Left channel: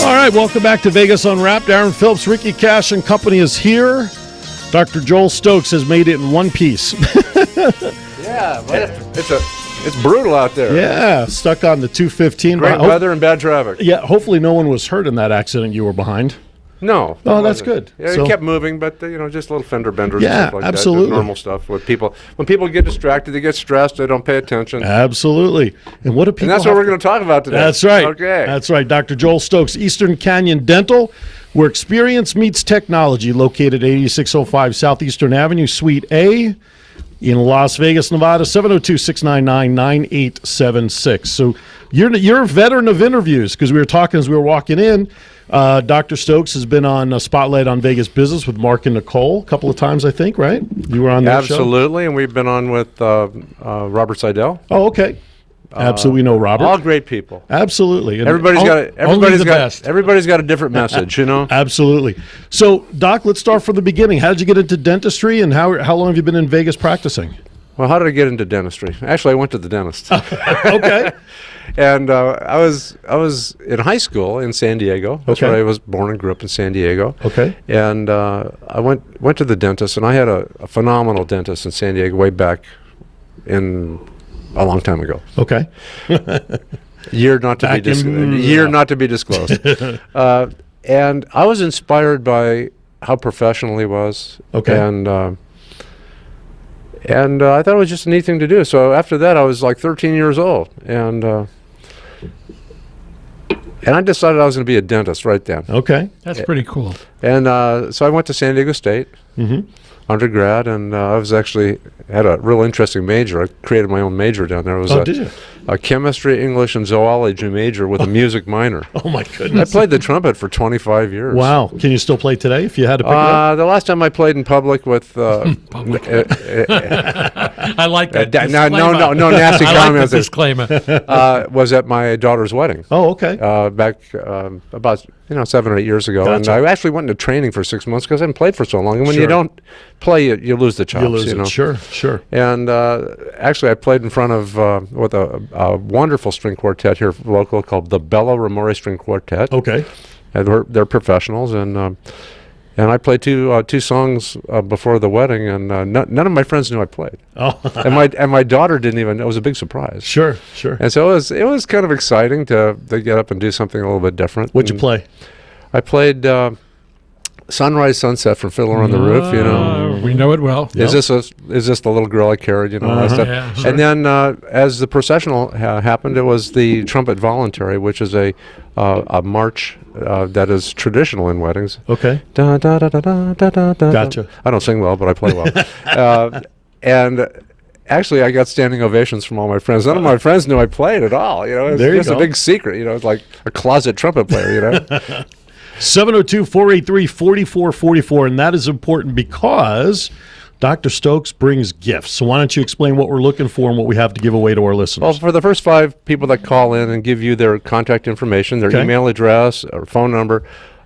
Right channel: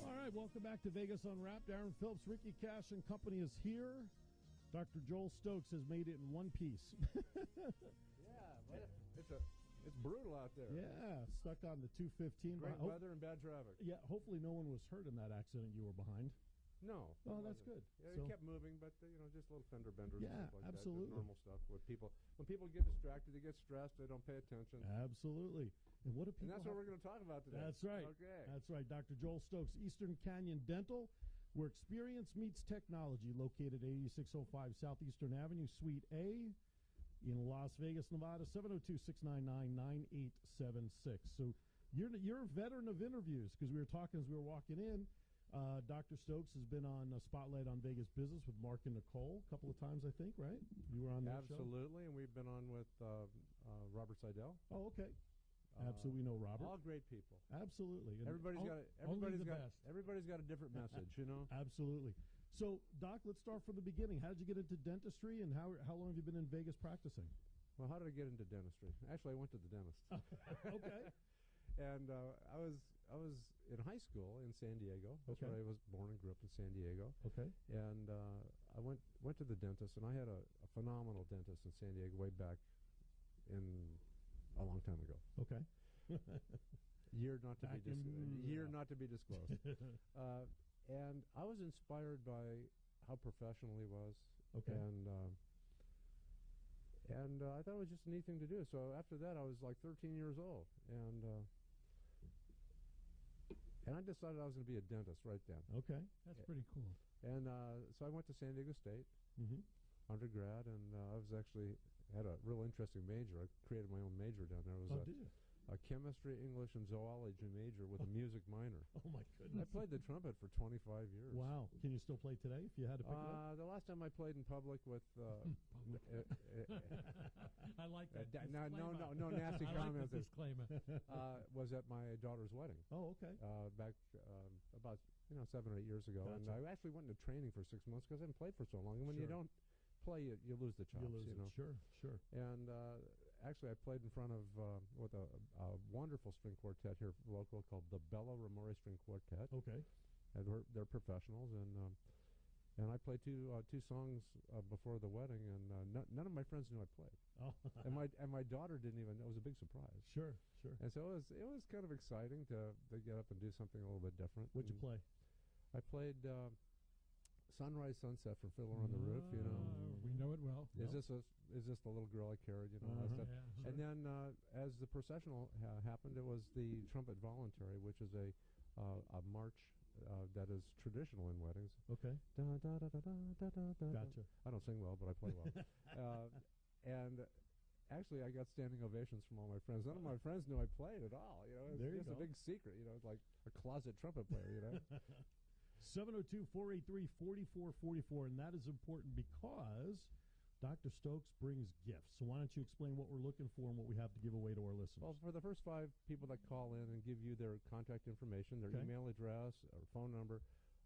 All right, welcome back to Vegas Unwrapped. Aaron Phillips, Ricky Cash and company is here. Dr. Joel Stokes has made it in one piece. Yeah, but it's brutal out there. Yeah, stuck on the 215. Great weather and bad traffic. Yeah, hopefully no one was hurt in that accident you were behind. No. Oh, that's good. Yeah, So- it kept moving, but just little fender benders Yeah, and stuff like absolutely. that. Normal stuff with people. When people get distracted, they get stressed, they don't pay attention. Absolutely. And what do people And that's what we're going to talk about today. That's right. Okay. That's right. Dr. Joel Stokes, Eastern Canyon Dental, where experience meets technology, located at 8605 Southeastern Avenue, Suite A, in Las Vegas, Nevada, 702-699-9876. So you're a veteran of interviews, because we were talking as we were walking in. Dr. Stokes has been on Spotlight on Vegas Business with Mark and Nicole a couple of times, I think, right? You were on that show? Absolutely, and we've been on with Robert Seidel. Oh, okay. Absolutely, know Robert. All great people. Absolutely. And Everybody's got a different message, you know. Absolutely. So, Doc, let's start from the beginning. How did you get into dentistry, and how long have you been in Vegas practicing? Well, how did I get into dentistry? Actually, I went to the dentist. Okay. And I was in high school in San Diego. That's Okay. where I was born and grew up in San Diego. Okay. And I went to the dentist, and I had a phenomenal dentist in San Diego way back in a long time ago. Okay. Year not to be disclosed. And I was inspired by how professional he was. Okay. And I thought it was just a neat thing to do. So after that, I was like 13 years old, and I decided I was going to be a dentist right then. Okay. That's pretty cool. And so I went to San Diego State undergrad, and I was actually had a real interesting major. I created my own major down there. It was Did you? a chemistry, English, and zoology major with a music minor. Oh, my I goodness. played the trumpet for 25 years. Wow. Can you still play today if you had to pick it up? The last time I played in public with I like that. no nasty I like comments. the disclaimer. Was at my daughter's wedding. Oh, okay. Back about 7 or 8 years ago, and Gotcha. I actually went into training for 6 months because I hadn't played for so long. And when Sure. you don't play, you lose the chops. You lose it. know? Sure, sure. And actually, I played in front of with a wonderful string quartet here local called the Bella Ramore String Quartet. Okay. And they're professionals, and I played two songs before the wedding, and none of my friends knew I played. Oh, and my daughter didn't even know. It was a big surprise. sure, sure. And so it was kind of exciting to get up and do something a little bit different. What'd you And play? I played Sunrise Sunset from Fiddler on the Roof. We know it well. Is this the little girl I carried? All that stuff. Yeah, sure. And then as the processional happened, it was the Trumpet Voluntary, which is a march that is traditional in weddings. Okay. Da, da, da, da, da, da, da, da. Gotcha. I don't sing well, but I play well. And actually, I got standing ovations from all my friends. None of my friends knew I played at all. It was There you just a go. big secret. It's like a closet trumpet player. 702-483-4444, and that is important because Dr. Stokes brings gifts. So why don't you explain what we're looking for and what we have to give away to our listeners? Well, for the first 5 people that call in and give you their contact information, their Okay. email address or phone number,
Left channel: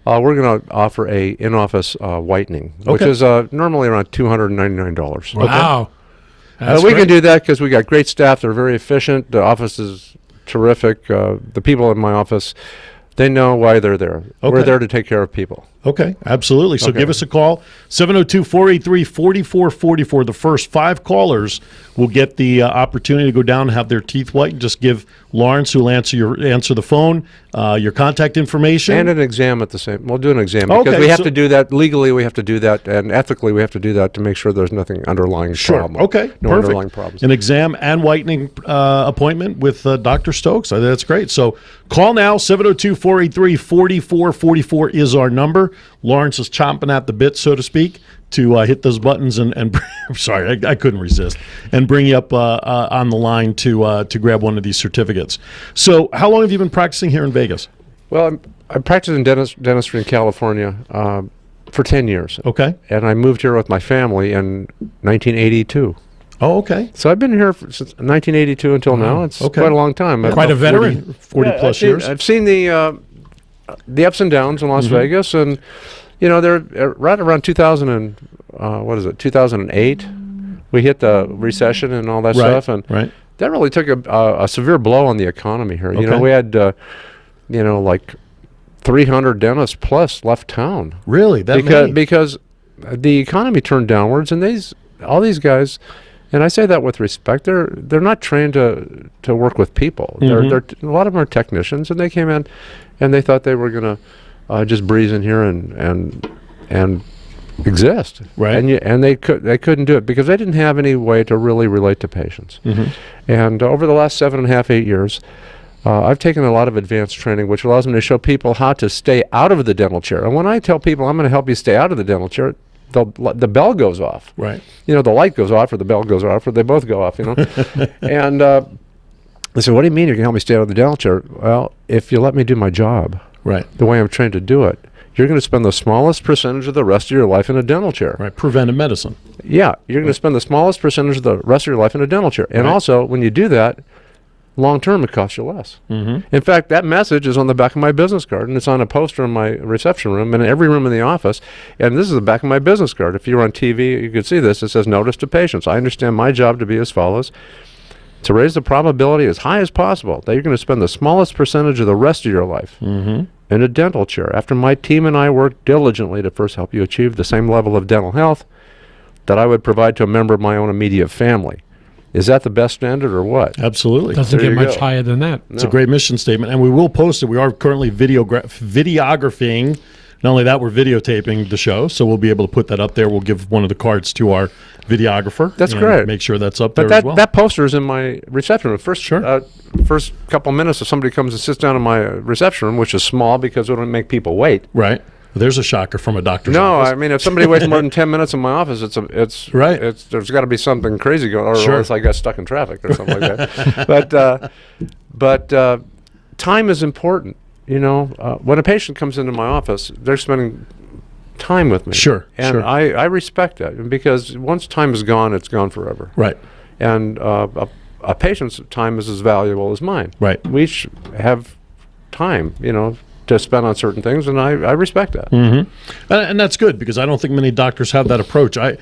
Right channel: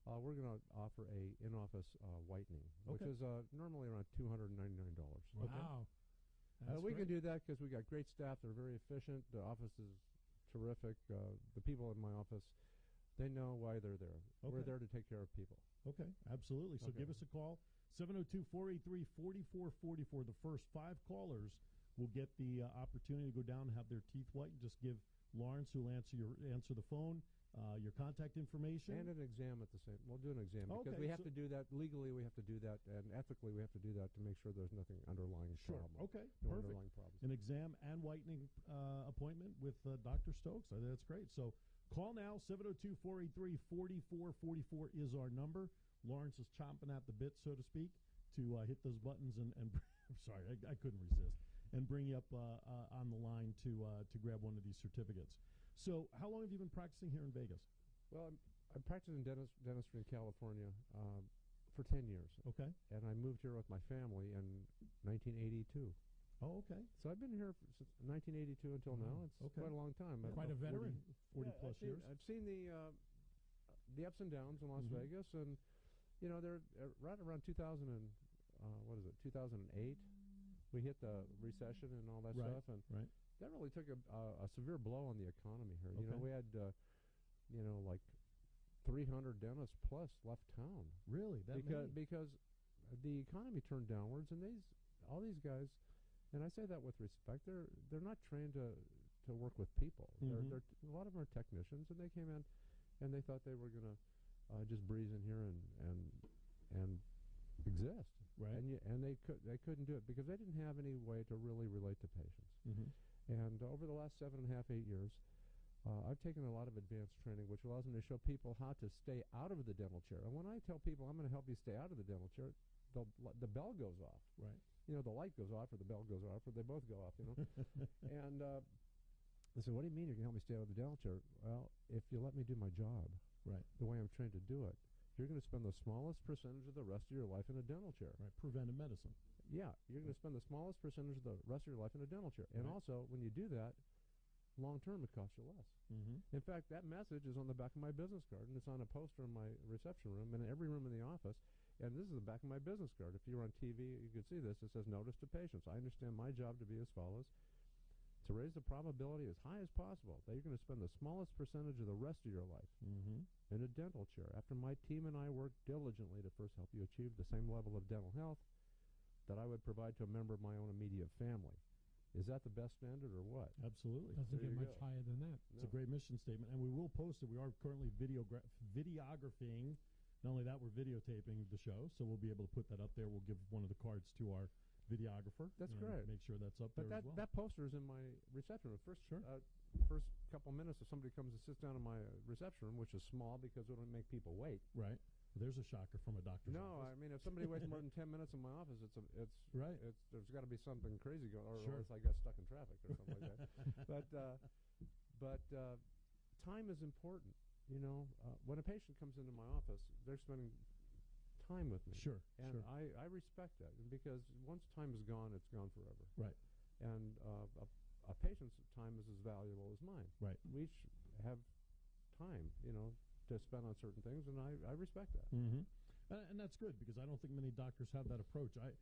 we're going to offer a in-office whitening, which Okay. is normally around $299. Wow. We can do that because we got great staff. They're very efficient. The office is terrific. The people in my office, they know why they're there. Okay. We're there to take care of people. Okay, absolutely. So Okay. give us a call, 702-483-4444. The first 5 callers will get the opportunity to go down and have their teeth whitened. Just give Lawrence, who will answer the phone, your contact information. And an exam at the same. We'll do an exam Okay, because we have so- to do that legally. We have to do that, and ethically we have to do that to make sure there's nothing underlying Sure. problem. Okay. No Perfect. underlying problems. An exam and whitening appointment with Dr. Stokes. I think that's great. So call now. 702-483-4444 is our number. Lawrence is chomping at the bit, so to speak, to hit those buttons and I'm sorry, I couldn't resist, and bring you up on the line to grab one of these certificates. So how long have you been practicing here in Vegas? Well, I practiced in dentistry in California for 10 years. Okay. And I moved here with my family in 1982. Oh, okay. So I've been here since 1982 until now. It's Okay. quite a long time. Quite a veteran. 40 plus years. I've seen the ups and downs in Las Vegas, and they're right around 2000 and 2008. We hit the recession and all that stuff, and Right. that really took a severe blow on the economy here. Okay. We had like 300 dentists plus left town. Really? That many? Because the economy turned downwards, and all these guys, and I say that with respect, they're not trained to work with people. They're a lot of them are technicians, and they came in and they thought they were going to just breeze in here and exist. Right. And they couldn't do it because they didn't have any way to really relate to patients. And over the last 7.5, 8 years, I've taken a lot of advanced training, which allows me to show people how to stay out of the dental chair. And when I tell people I'm going to help you stay out of the dental chair, the bell goes off. Right. You know, the light goes off, or the bell goes off, or they both go off. You know. And they said, "What do you mean you can help me stay out of the dental chair?" Well, if you let me do my job, Right. the way I'm trained to do it, you're going to spend the smallest percentage of the rest of your life in a dental chair. Right. Preventive medicine. Yeah, you're going to spend the smallest percentage of the rest of your life in a dental chair. And Right. also, when you do that, long term, it costs you less. In fact, that message is on the back of my business card, and it's on a poster in my reception room and in every room in the office. And this is the back of my business card. If you were on TV, you could see this. It says, "Notice to patients. I understand my job to be as follows: to raise the probability as high as possible that you're going to spend the smallest percentage of the rest of your life in a dental chair, after my team and I work diligently to first help you achieve the same level of dental health that I would provide to a member of my own immediate family." Is that the best standard or what? Absolutely. Doesn't There get you much go. higher than that. It's a great mission statement, and we will post it. We are currently videographing. Not only that, we're videotaping the show, so we'll be able to put that up there. We'll give one of the cards to our videographer. That's and great. Make sure that's up But there as well. that poster is in my reception room. First couple minutes, if somebody comes and sits down in my reception room, which is small because we don't make people wait. Right. There's a shocker from a doctor's No, office. I mean, if somebody waits more than 10 minutes in my office, it's Right. there's got to be something crazy going on, or Sure. else I got stuck in traffic or something like that. But time is important. You know, when a patient comes into my office, they're spending time with me. Sure, And sure. I respect that, because once time is gone, it's gone forever. Right. And a patient's time is as valuable as mine. Right. We have time, you know, to spend on certain things, and I respect that. And that's good, because I don't think many doctors have that approach. I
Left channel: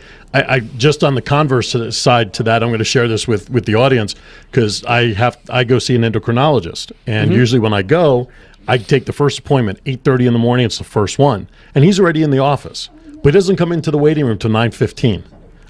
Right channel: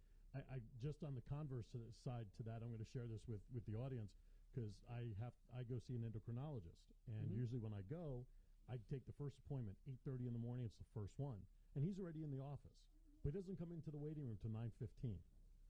just on the converse side to that, I'm going to share this with the audience, because I go see an endocrinologist, and usually when I go, I take the first appointment 8:30 in the morning. It's the first one, and he's already in the office, but he doesn't come into the waiting room till 9:15.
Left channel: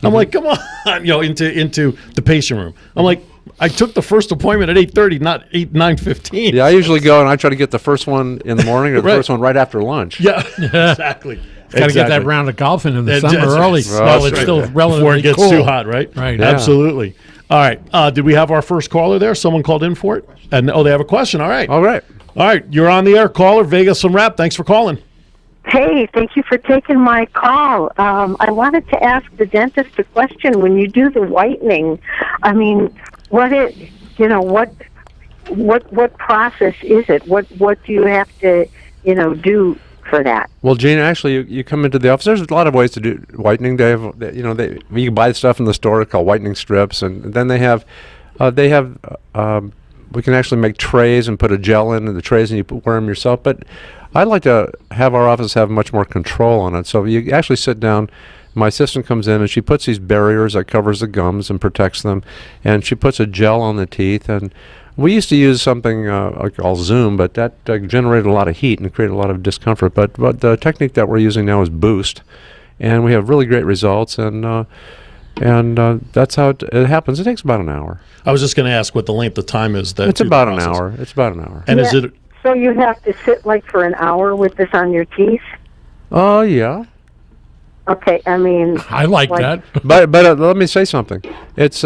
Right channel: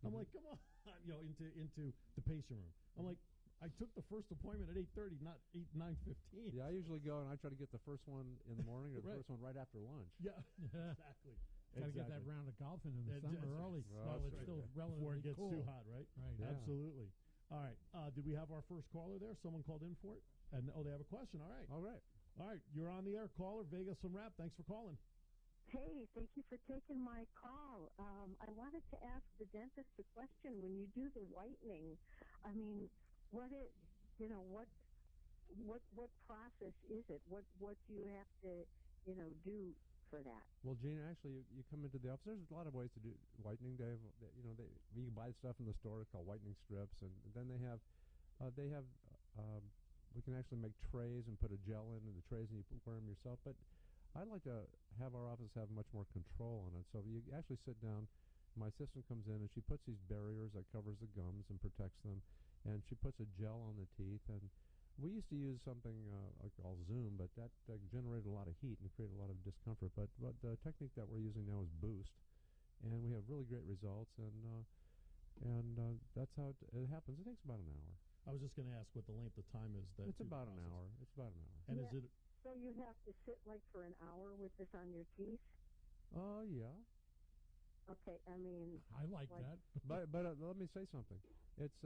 I'm like, come on, you know, into the patient room. I'm like, I took the first appointment at 8:30, not 9:15. Yeah, I usually go and I try to get the first one in the morning or the Right. first one right after lunch. Yeah, exactly. Got to get that round of golfing in the That's summer right. early. Well, while that's it's right. still Before relatively it gets cool. too hot, right? Right. Yeah. Absolutely. All right. Did we have our first caller there? Someone called in for it? And they have a question. All right. All right. All right. You're on the air, caller. Vegas Unwrapped. Thanks for calling. Hey, thank you for taking my call. I wanted to ask the dentist a question. When you do the whitening, I mean, what process is it? What do you have to, do for that? Well, Gene, actually, you come into the office. There's a lot of ways to do whitening. They have, you can buy stuff in the store called whitening strips, and then they have, we can actually make trays and put a gel in the trays, and you wear them yourself. But I'd like to have our office have much more control on it. So you actually sit down. My assistant comes in and she puts these barriers that covers the gums and protects them, and she puts a gel on the teeth. And we used to use something called Zoom, but that generated a lot of heat and created a lot of discomfort. But the technique that we're using now is Boost, and we have really great results. And that's how it happens. It takes about an hour. I was just going to ask what the length of time is. It's about an hour. It's about an hour. And is it? So you have to sit like for an hour with this on your teeth? Oh, yeah. Okay, I mean... I like that. But let me say something. It's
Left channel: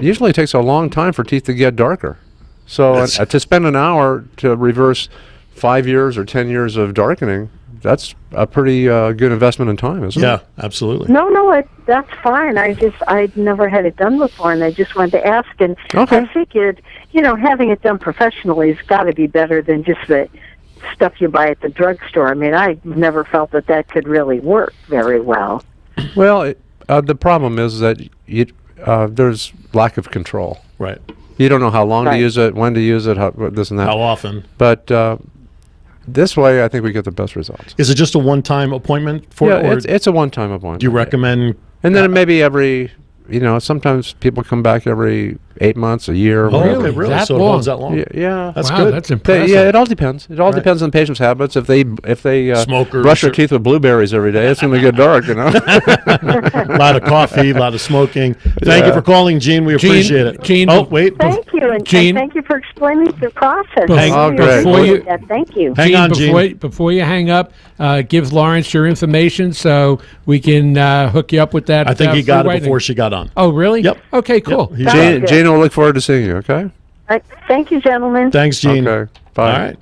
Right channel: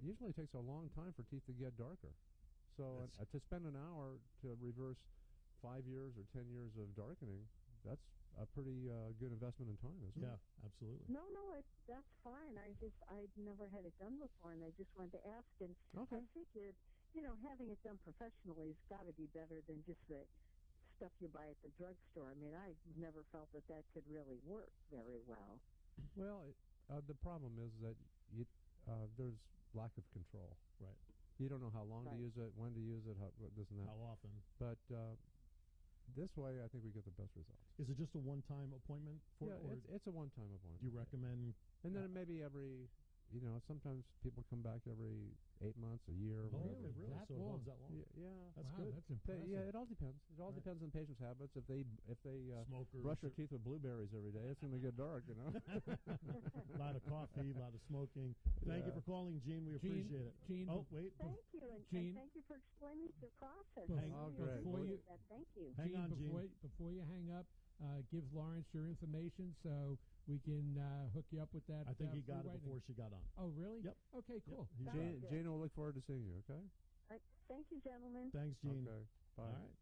usually takes a long time for teeth to get darker. So to spend an hour to reverse 5 years or 10 years of darkening, that's a pretty good investment in time, isn't it? Yeah, absolutely. No, that's fine. I'd never had it done before, and I just wanted to ask. And Okay. I figured, having it done professionally has got to be better than just the stuff you buy at the drugstore. I mean, I never felt that could really work very well. Well, the problem is that there's lack of control. Right. You don't know how long to Right. use it, when to use it, this and that. How often? But this way, I think we get the best results. Is it just a one-time appointment for Yeah, it? Or it's a one-time appointment. do you recommend? And then maybe every, sometimes people come back every 8 months, a year. Oh, whatever. okay, really? That So it long? holds that long? Yeah. That's wow, good. that's impressive. Yeah, it all depends. It all depends on the patient's habits. If they Smokers brush their or- teeth with blueberries every day, it's going to get dark, you know. A lot of coffee, a lot of smoking. Thank you for calling, Gene. We Gene- appreciate it. Gene- oh, wait. Thank you, and Gene- thank you for explaining the process. Hang- I really great. Before appreciate you- that. Thank you. Hang on, Gene. Before you hang up, give Lawrence your information so we can hook you up with that. I think he got free it before whitening. she got on. Oh, really? Yep. Okay, cool. He's Jane, good. Jane will look forward to seeing you. Okay. All right. Thank you, gentlemen. Thanks, Gene. Okay. Bye. All right.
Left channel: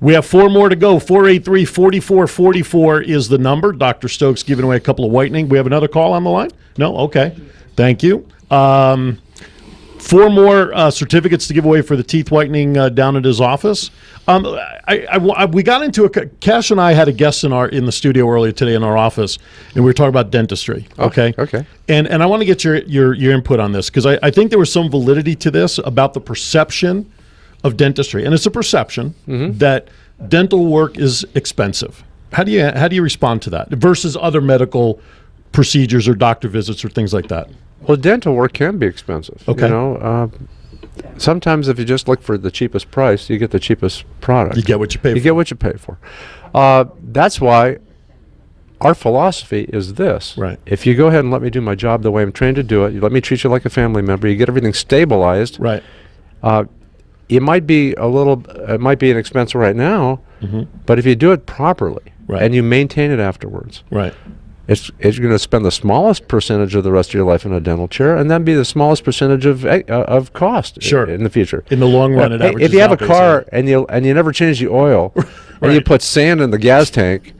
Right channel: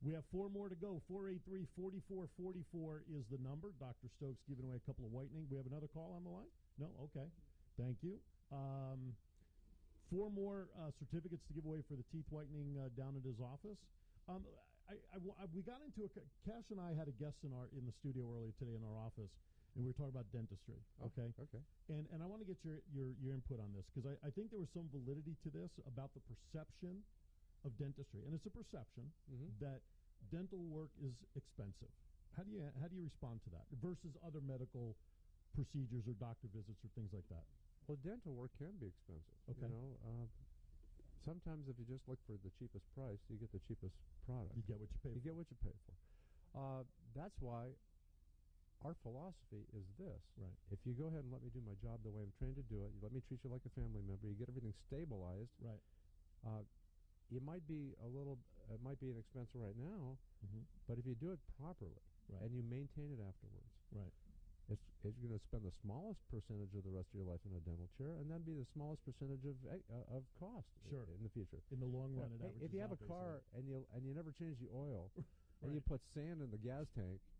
We have 4 more to go. 483-4444 is the number. Dr. Stokes giving away a couple of whitening. We have another call on the line? No? Okay. Thank you. 4 more certificates to give away for the teeth whitening down at his office. We got into Cash and I had a guest in the studio earlier today in our office, and we were talking about dentistry. Okay. Okay. And I want to get your input on this because I think there was some validity to this about the perception of dentistry, and it's a perception that dental work is expensive. How do you respond to that versus other medical procedures or doctor visits or things like that? Well, dental work can be expensive. Okay. You know, sometimes if you just look for the cheapest price, you get the cheapest product. You get what you pay You for. get what you pay for. That's why our philosophy is this. Right. If you go ahead and let me do my job the way I'm trained to do it, you let me treat you like a family member, you get everything stabilized. Right. It might be it might be an expense right now, but if you do it properly Right. and you maintain it afterwards, Right. it's going to spend the smallest percentage of the rest of your life in a dental chair, and then be the smallest percentage of cost Sure. in the future. In the long run, it Hey, averages if you have a out, car and you never change the oil, and you Right. put sand in the gas tank,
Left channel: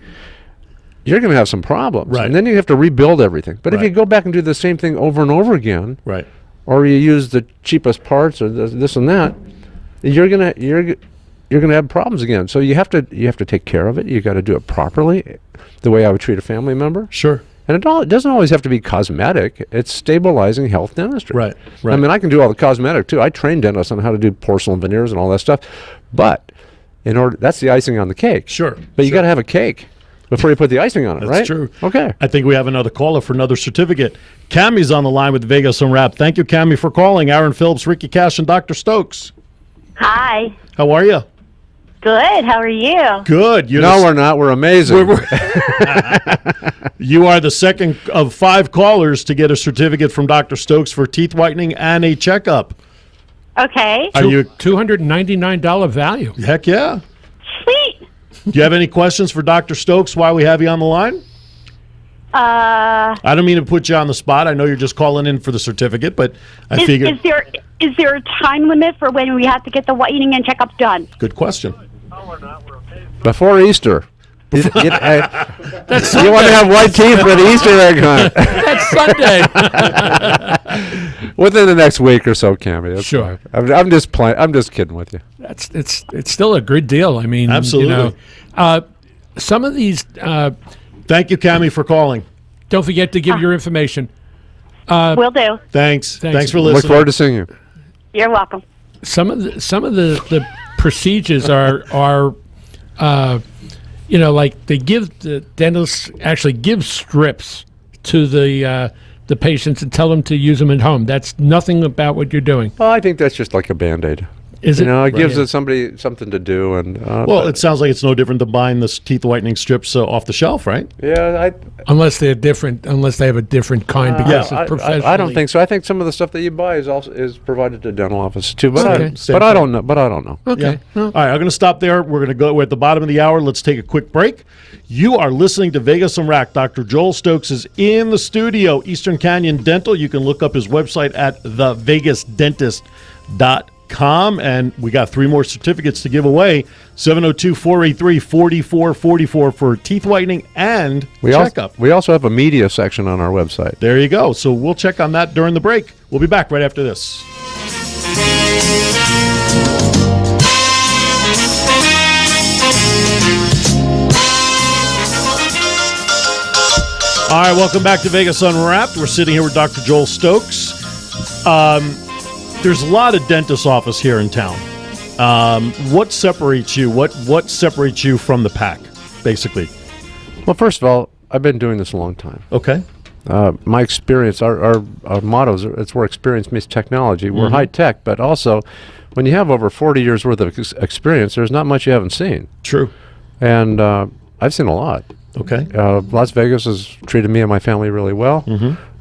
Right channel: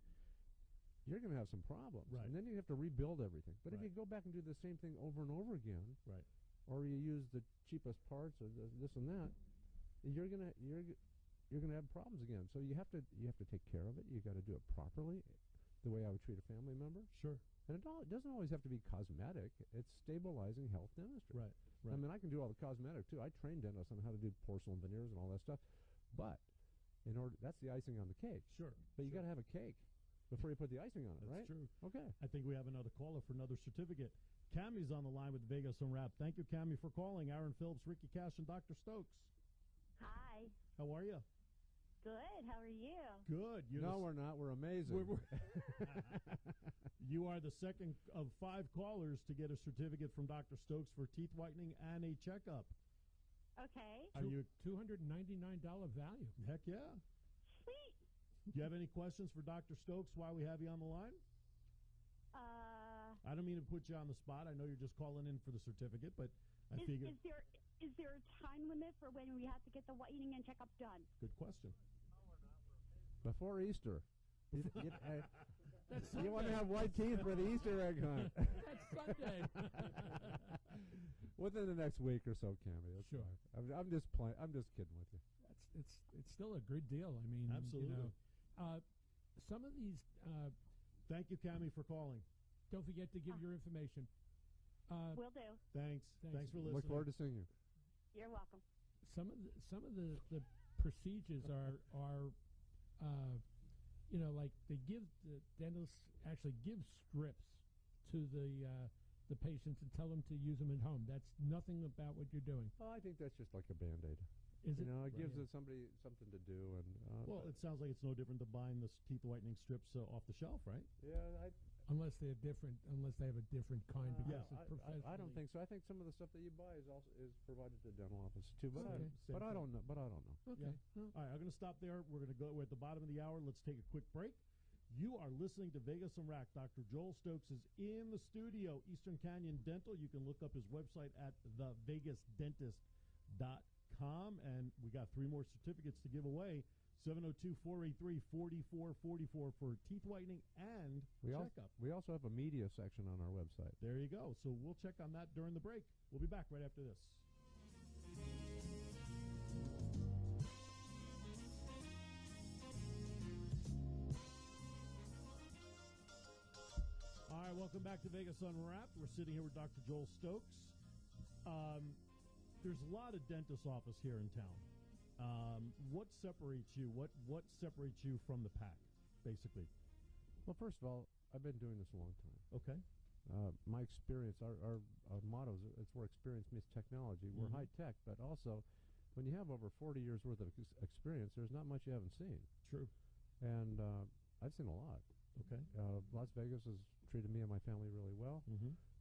you're going to have some problems, Right. and then you have to rebuild everything. But if Right. you go back and do the same thing over and over again, Right. or you use the cheapest parts or this and that, you're gonna have problems again. So you have to take care of it. You got to do it properly, the way I would treat a family member. Sure. And it doesn't always have to be cosmetic. It's stabilizing health dentistry. Right. Right. I mean, I can do all the cosmetic too. I train dentists on how to do porcelain veneers and all that stuff. But that's the icing on the cake. Sure. But you Sure. got to have a cake before you put the icing on it, That's right? true. Okay. I think we have another caller for another certificate. Cammie's on the line with Vegas Unwrapped. Thank you, Cammie, for calling. Aaron Phillips, Ricky Cash, and Dr. Stokes. Hi. How are you? Good. How are you? Good. We're not. We're amazing. You are the second of 5 callers to get a certificate from Dr. Stokes for teeth whitening and a checkup. Okay. Are you? $299 value. Heck yeah. Sweet. Do you have any questions for Dr. Stokes while we have you on the line? I don't mean to put you on the spot. I know you're just calling in for the certificate, but I figured. Is there a time limit for when we have to get the whitening and checkup done? Good question. Before Easter. You want to That's have white teeth with Easter egg hunt That's Sunday. within the next week or so, Cammie. That's Sure. fine. I'm just playing. I'm just kidding with you. It's still a good deal. I mean, Absolutely. Some of these. Thank you, Cammie, for calling. Don't forget to give your information. Will do. Thanks. Thanks. Thanks for Look listening. forward to seeing you. You're welcome. Some of the procedures are like they give the dentists actually give strips to the patients and tell them to use them at home. That's nothing about what you're doing. Well, I think that's just like a Band-Aid. Is You it? know, it gives Right. somebody something to do, and Well, it sounds like it's no different than buying the teeth whitening strips off the shelf, right? yeah, Unless they're different, unless they have a different kind because I it's professional. don't think so. I think some of the stuff that you buy is provided to dental offices too, but Okay. I don't know. But I don't know. Okay. Yeah. Well, All right, I'm going to stop there. We're at the bottom of the hour. Let's take a quick break. You are listening to Vegas Unwrapped. Dr. Joel Stokes is in the studio, Eastern Canyon Dental. You can look up his website at thevegasdentist.com. And we got 3 more certificates to give away. 702-483-4444 for teeth whitening and checkup. We also have a media section on our website. There you go. So we'll check on that during the break. We'll be back right after this. All right, welcome back to Vegas Unwrapped. We're sitting here with Dr. Joel Stokes. There's a lot of dentist office here in town. What separates you? What separates you from the pack, basically? Well, first of all, I've been doing this a long time. Okay. my experience, our motto is it's where experience meets technology. We're high tech, but also when you have over 40 years worth of experience, there's not much you haven't seen. True. And I've seen a lot. Okay. Las Vegas has treated me and my family really well.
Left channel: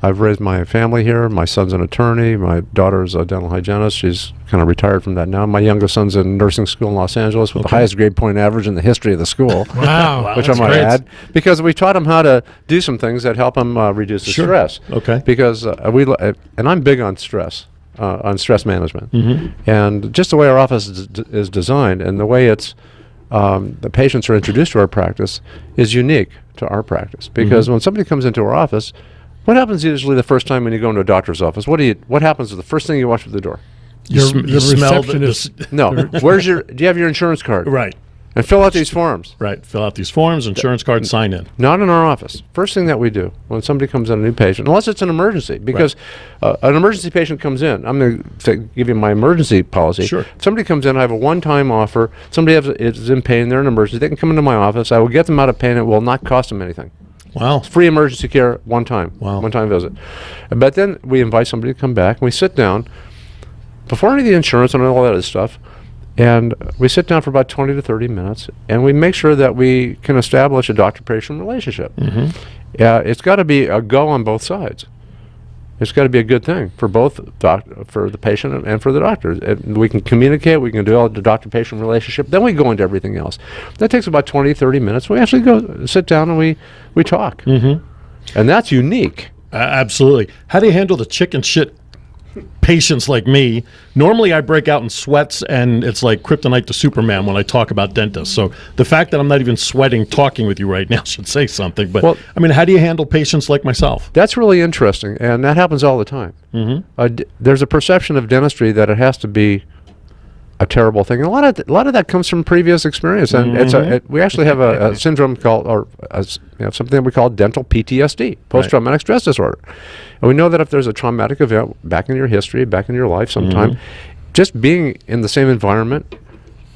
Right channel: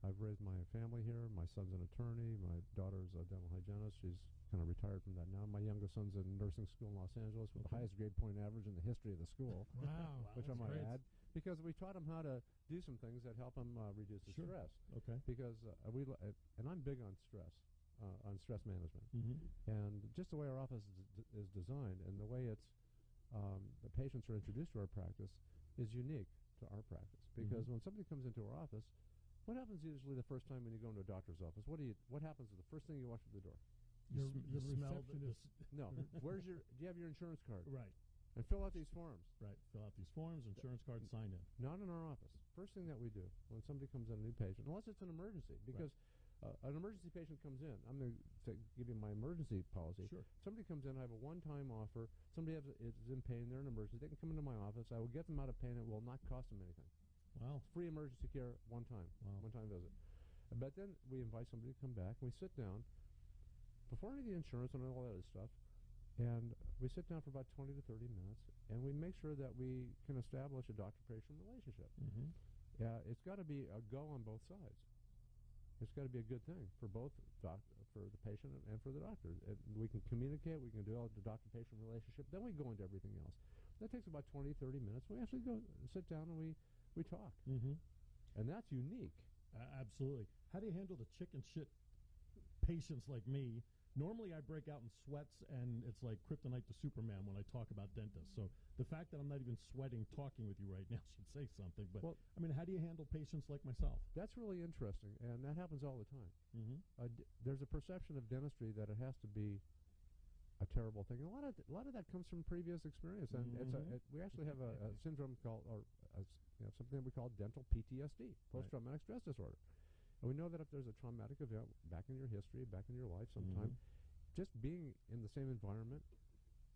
I've raised my family here. My son's an attorney. My daughter's a dental hygienist. She's kind of retired from that now. My youngest son's in nursing school in Los Angeles with the highest grade point average in the history of the school. Wow. Which I might add, because we taught him how to do some things that help him reduce the stress. Okay. Because and I'm big on stress management, and just the way our office is designed and the way it's the patients are introduced to our practice is unique to our practice. Because when somebody comes into our office, what happens usually the first time when you go into a doctor's office? What happens the first thing you watch at the door? You smell receptionist. No. Do you have your insurance card? Right. And fill out these forms. Right. Fill out these forms, insurance card, sign in. Not in our office. First thing that we do when somebody comes in, a new patient, unless it's an emergency, because an emergency patient comes in. I'm going to give you my emergency policy. Sure. If somebody comes in, I have a one-time offer. Somebody is in pain, they're in emergency. They can come into my office. I will get them out of pain. It will not cost them anything. Wow. Free emergency care, one time. Wow. One-time visit. But then we invite somebody to come back, and we sit down before any of the insurance and all that other stuff. And we sit down for about 20 to 30 minutes, and we make sure that we can establish a doctor-patient relationship. It's got to be a go on both sides. It's got to be a good thing for both for the patient and for the doctor. We can communicate, we can develop the doctor-patient relationship, then we go into everything else. That takes about 20, 30 minutes. We actually go sit down and we talk. And that's unique. Absolutely. How do you handle the chicken shit patients like me? Normally I break out in sweats and it's like kryptonite to Superman when I talk about dentists. So the fact that I'm not even sweating talking with you right now should say something. But I mean, how do you handle patients like myself? That's really interesting, and that happens all the time. There's a perception of dentistry that it has to be a terrible thing. And a lot of that comes from previous experience, and we actually have a syndrome called, something that we call dental PTSD, post-traumatic stress disorder. And we know that if there's a traumatic event back in your history, back in your life sometime, just being in the same environment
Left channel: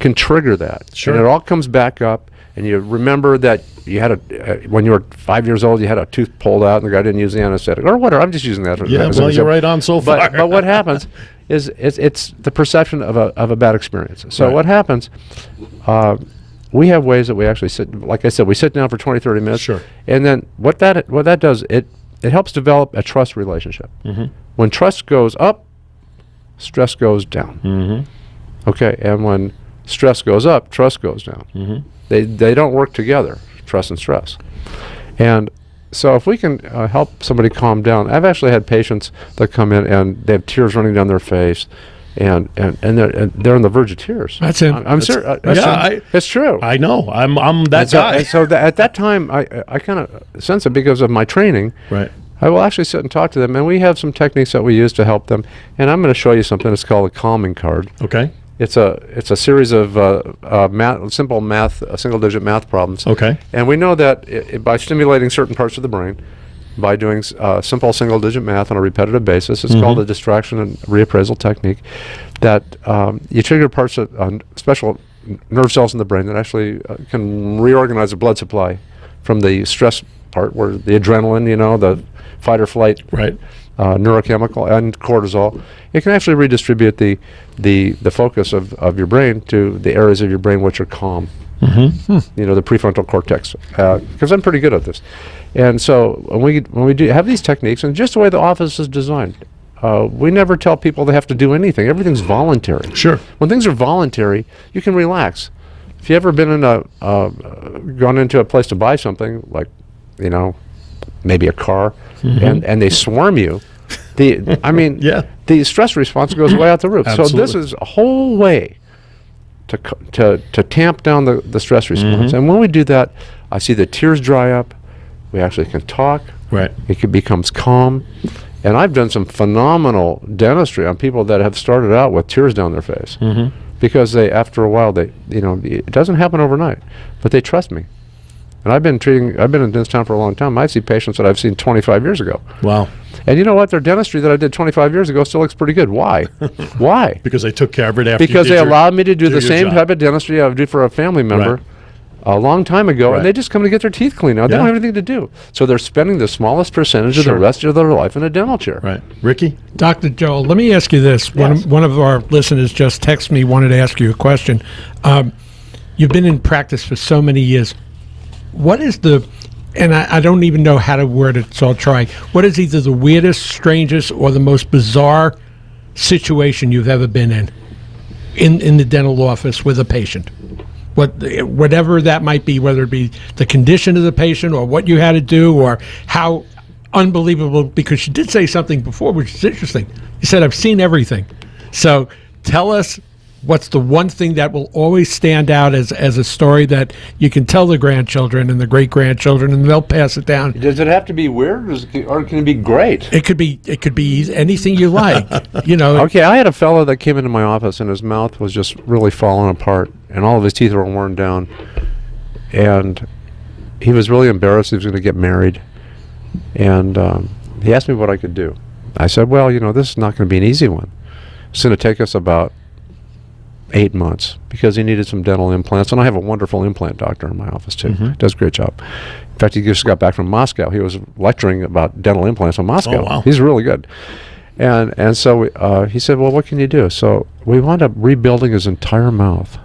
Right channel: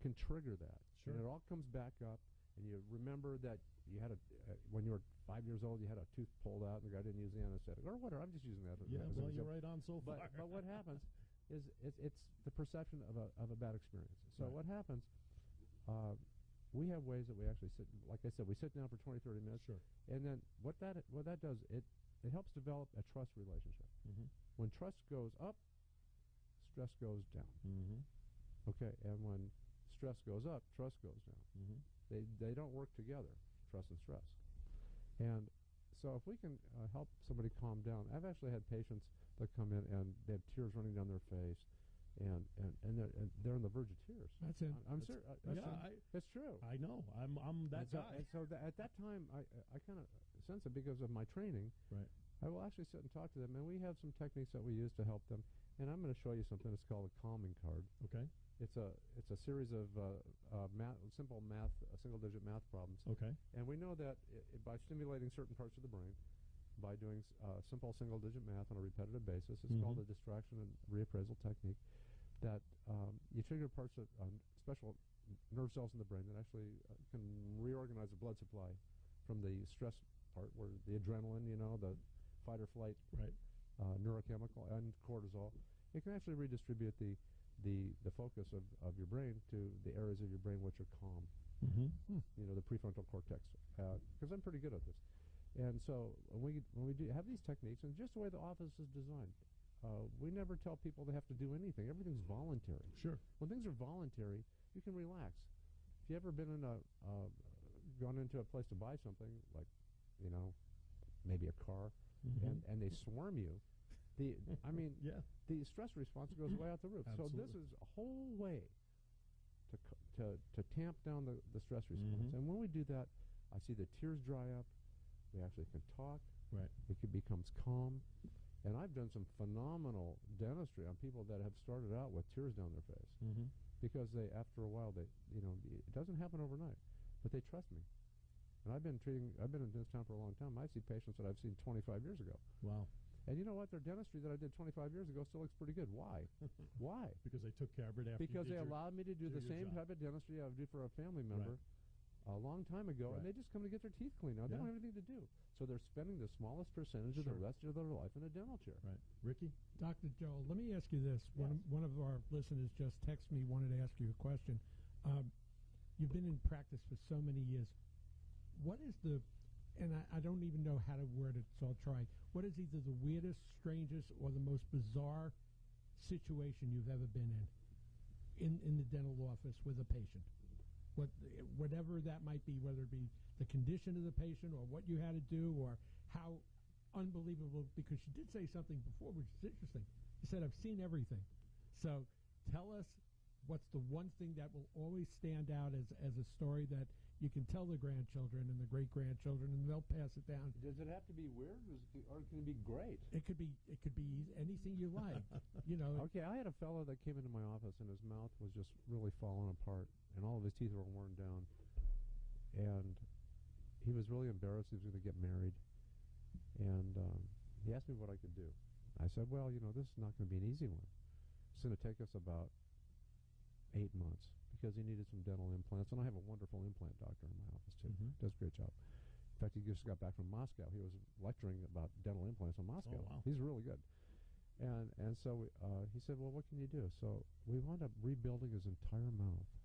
can trigger that. Sure. And it all comes back up, and you remember that you had when you were 5 years old, you had a tooth pulled out and the guy didn't use the anesthetic, or whatever. I'm just using that. Yeah, well, you're right on so far. But what happens is it's the perception of a bad experience. So what happens, we have ways that we actually sit, like I said, we sit down for 20, 30 minutes. Sure. And then what that does, it helps develop a trust relationship. When trust goes up, stress goes down. Okay, and when stress goes up, trust goes down. They don't work together, trust and stress. And so if we can help somebody calm down, I've actually had patients that come in and they have tears running down their face, and they're on the verge of tears. That's it. I'm serious. It's true. I know. I'm that guy. At that time, I kind of sense it because of my training. Right. I will actually sit and talk to them, and we have some techniques that we use to help them. And I'm going to show you something. It's called a calming card. Okay. It's a series of simple math, single-digit math problems. Okay. And we know that by stimulating certain parts of the brain, by doing simple single-digit math on a repetitive basis, it's called a distraction and reappraisal technique, that you trigger parts of special nerve cells in the brain that actually can reorganize the blood supply from the stress part, where the adrenaline, the fight or flight, neurochemical, and cortisol. It can actually redistribute the focus of your brain to the areas of your brain which are calm. The prefrontal cortex. Because I'm pretty good at this. And so when we do have these techniques, and just the way the office is designed, we never tell people they have to do anything. Everything's voluntary. Sure. When things are voluntary, you can relax. If you ever been in gone into a place to buy something, like, maybe a car, and they swarm you, the stress response goes way out the roof. Absolutely. So this is a whole way to tamp down the stress response. And when we do that, I see the tears dry up. We actually can talk. Right. It becomes calm. And I've done some phenomenal dentistry on people that have started out with tears down their face, because after a while, it doesn't happen overnight, but they trust me. And I've been in this town for a long time. I see patients that I've seen 25 years ago. Wow. And you know what? Their dentistry that I did 25 years ago still looks pretty good. Why? Why? Because they took care of it after. Because they allowed me to do the same type of dentistry I would do for a family member a long time ago, Right. and they just come to get their teeth cleaned out. They Yeah. don't have anything to do. So they're spending the smallest percentage of the Sure. rest of their life in a dental chair. Right. Ricky? Dr. Joel, let me ask you this. Yes. One of our listeners just texted me, wanted to ask you a question. You've been in practice for so many years. What is and I don't even know how to word it, so I'll try. What is either the weirdest, strangest, or the most bizarre situation you've ever been in the dental office with a patient? Whatever that might be, whether it be the condition of the patient or what you had to do or how unbelievable, because you did say something before, which is interesting. You said, I've seen everything. So tell us what's the one thing that will always stand out as a story that you can tell the grandchildren and the great-grandchildren, and they'll pass it down. Does it have to be weird, or can it be great? It could be anything you like. You know. Okay, I had a fellow that came into my office, and his mouth was just really falling apart, and all of his teeth were worn down, and he was really embarrassed he was going to get married, and he asked me what I could do. I said, well, this is not going to be an easy one. It's going to take us about 8 months because he needed some dental implants, and I have a wonderful implant doctor in my office too. Does a great job. In fact, he just got back from Moscow. He was lecturing about dental implants in Moscow. Oh, wow. He's really good. And so he said, well, what can you do? So we wound up rebuilding his entire mouth.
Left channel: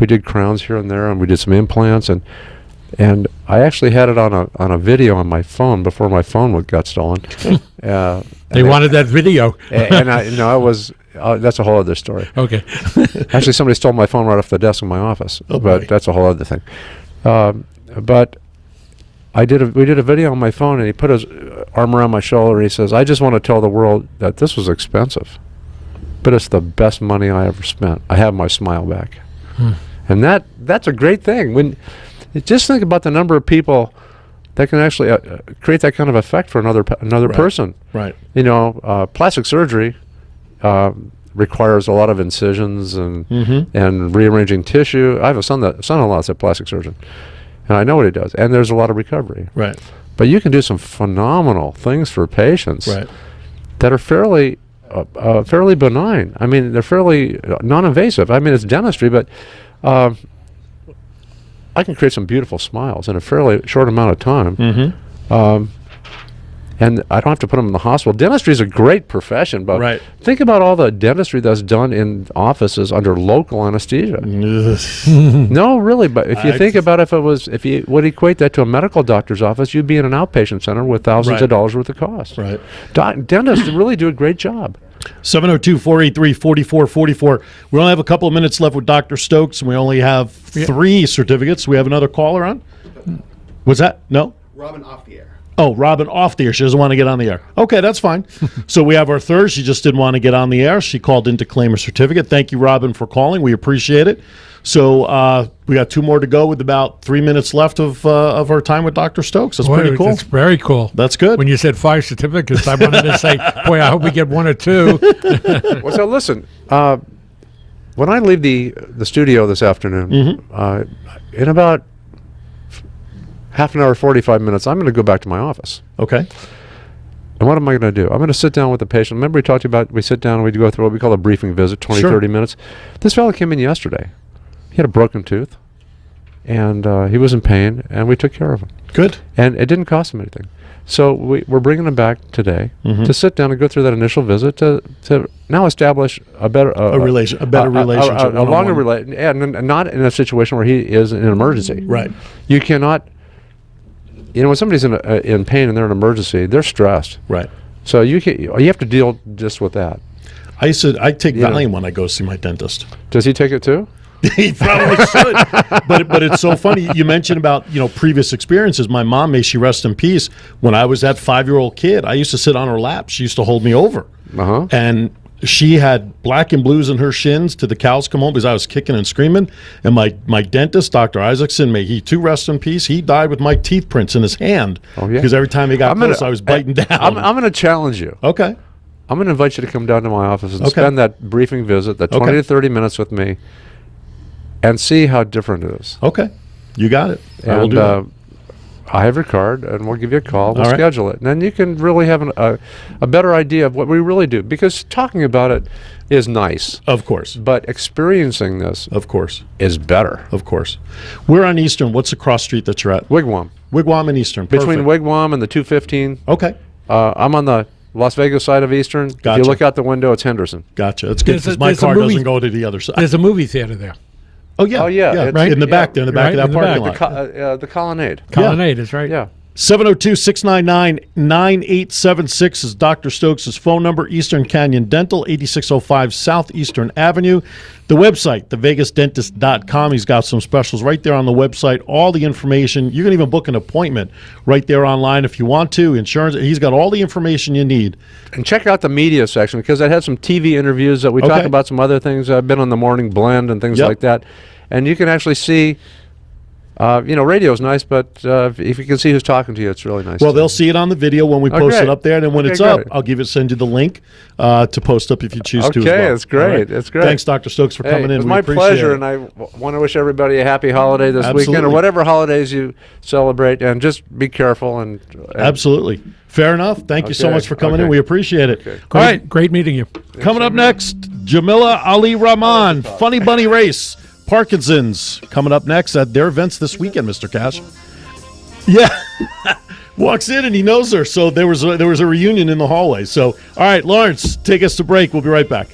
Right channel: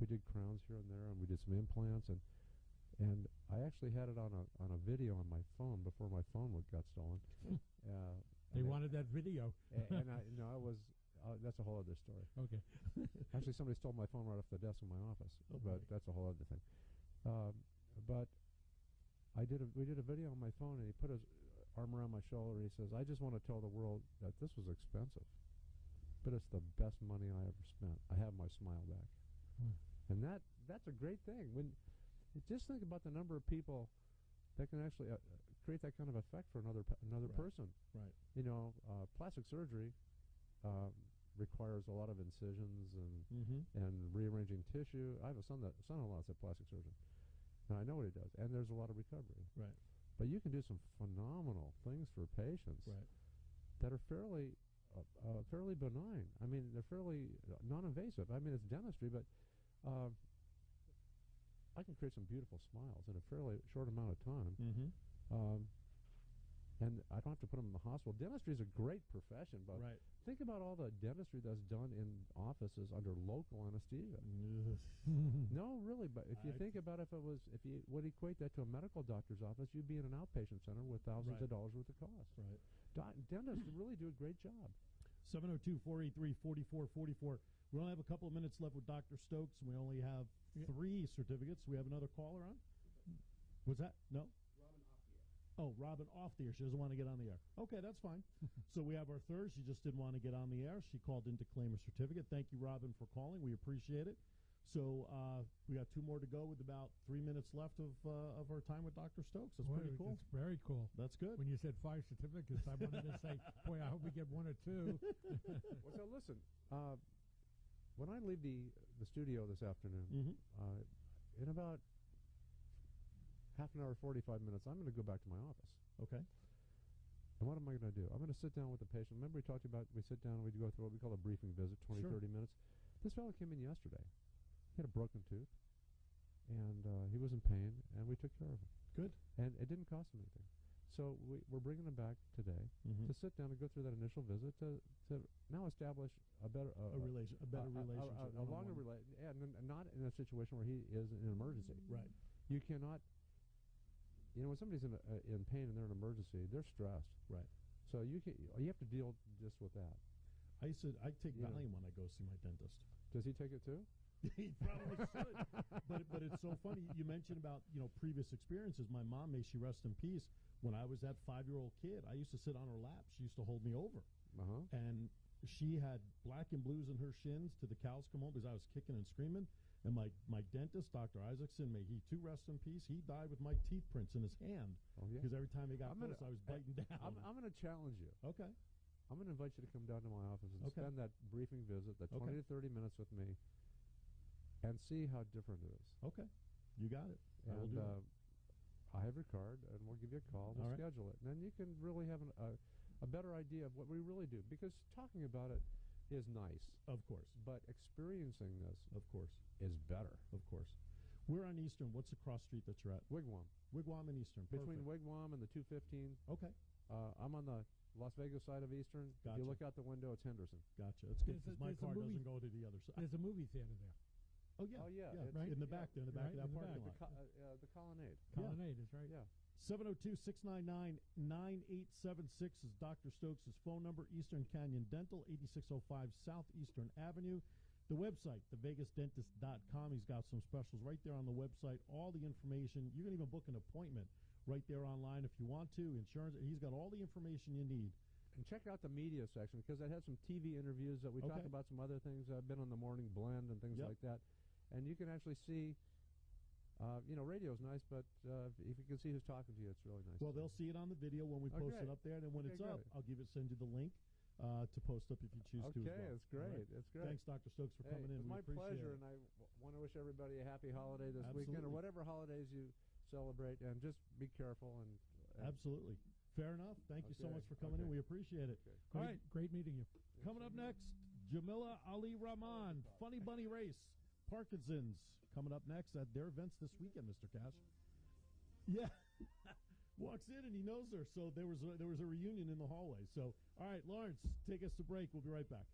We did crowns here and there, and we did some implants, and I actually had it on a video on my phone before my phone got stolen. They wanted that video. And I was. That's a whole other story. Okay. Actually, somebody stole my phone right off the desk in my office. Oh, boy. But that's a whole other thing. But we did a video on my phone, and he put his arm around my shoulder, and he says, I just want to tell the world that this was expensive, but it's the best money I ever spent. I have my smile back. And that's a great thing. Just think about the number of people that can actually create that kind of effect for another Right. person. Right. Plastic surgery requires a lot of incisions and rearranging tissue. I have a son-in-law that's a plastic surgeon, and I know what he does. And there's a lot of recovery. Right. But you can do some phenomenal things for patients Right. that are fairly benign. I mean, they're fairly non-invasive. I mean, it's dentistry, but I can create some beautiful smiles in a fairly short amount of time. And I don't have to put them in the hospital. Dentistry is a great profession, but Right. think about all the dentistry that's done in offices under local anesthesia. No, really, but if you think about if you would equate that to a medical doctor's office, you'd be in an outpatient center with thousands Right. of dollars worth of cost. Right. Dentists really do a great job. 702-483-4444. We only have a couple of minutes left with Dr. Stokes, and we only have 3 certificates. We have another caller on. Was that? No? Robin off the air. Oh, Robin off the air. She doesn't want to get on the air. Okay, that's fine. So we have our third. She just didn't want to get on the air. She called in to claim her certificate. Thank you, Robin, for calling. We appreciate it. So we got 2 more to go with about 3 minutes left of our time with Dr. Stokes. That's pretty cool. That's very cool. That's good. When you said 5 certificates, I wanted to say, boy, I hope we get 1 or 2. Well, so listen, when I leave the studio this afternoon, in about half an hour, 45 minutes, I'm going to go back to my office. Okay. And what am I going to do? I'm going to sit down with the patient. Remember we talked about, we sit down and we go through what we call a briefing visit, 20, Sure. 30 minutes. This fellow came in yesterday. He had a broken tooth, and he was in pain, and we took care of him. Good. And it didn't cost him anything. So we're bringing him back today to sit down and go through that initial visit to now establish a better relationship, a one-on-one. longer relation, and not in a situation where he is in an emergency. Right. You cannot. When somebody's in pain and they're in an emergency, they're stressed. Right. So you have to deal just with that. I take Yeah. Valium when I go see my dentist. Does he take it too? He probably should. But it's so funny. You mentioned about previous experiences. My mom, may she rest in peace, when I was that 5-year-old kid, I used to sit on her lap. She used to hold me over. And she had black and blues in her shins to the cows come home because I was kicking and screaming. And my dentist, Dr. Isaacson, may he too rest in peace, he died with my teeth prints in his hand. Oh, yeah. Because every time he got close, I was biting down. I'm going to challenge you. Okay. I'm going to invite you to come down to my office and Okay. spend that briefing visit, that 20 Okay. to 30 minutes with me, and see how different it is. Okay. You got it. I will do that. I have your card, and we'll give you a call. We'll All right. schedule it. And then you can really have a better idea of what we really do. Because talking about it is nice, Of course. but experiencing this Of course. is better. Of course. We're on Eastern. What's the cross street that you're at? Wigwam. Wigwam and Eastern. Perfect. Between Wigwam and the 215. Okay. I'm on the Las Vegas side of Eastern. If Gotcha. you look out the window, it's Henderson. Gotcha. That's good There's a- because my there's a car movie- doesn't go to the other side. There's a movie theater there. Oh, yeah. Oh, yeah, it's- Right? In the back there, in the back Right, of that in the parking back. lot. The Colonnade. Colonnade is right. Yeah. 702-699-9876 is Dr. Stokes' phone number. Eastern Canyon Dental, 8605 Southeastern Avenue. The website, thevegasdentist.com. He's got some specials right there on the website. All the information. You can even book an appointment right there online if you want to. Insurance. He's got all the information you need. And check out the media section because I had some TV interviews that we talk Okay. about some other things. I've been on the Morning Blend and things Yep. like that. And you can actually see, radio's nice, but if you can see who's talking to you, it's really nice. Well, too. they'll see it on the video when we post great. it up there, and then when Okay, it's up, great. I'll send you the link to post up if you choose to as Okay, well. it's great. All right? It's great. Thanks, Dr. Stokes, for Hey, coming in. it was We my appreciate pleasure, it. and I want to wish everybody a happy holiday this weekend or Absolutely. whatever holidays you celebrate, and just be careful. And Absolutely. Fair enough. Thank you so Okay, much for coming in. okay. We appreciate it. Okay. All right. Great meeting you. Coming up next, Jamila Ali Rahman, Funny Bunny Race, Parkinson's, coming up next at their events this weekend, Mr. Cash. Yeah. Walks in and he knows her. So there was a reunion in the hallway. So, all right, Lawrence, take us to break. We'll be right back.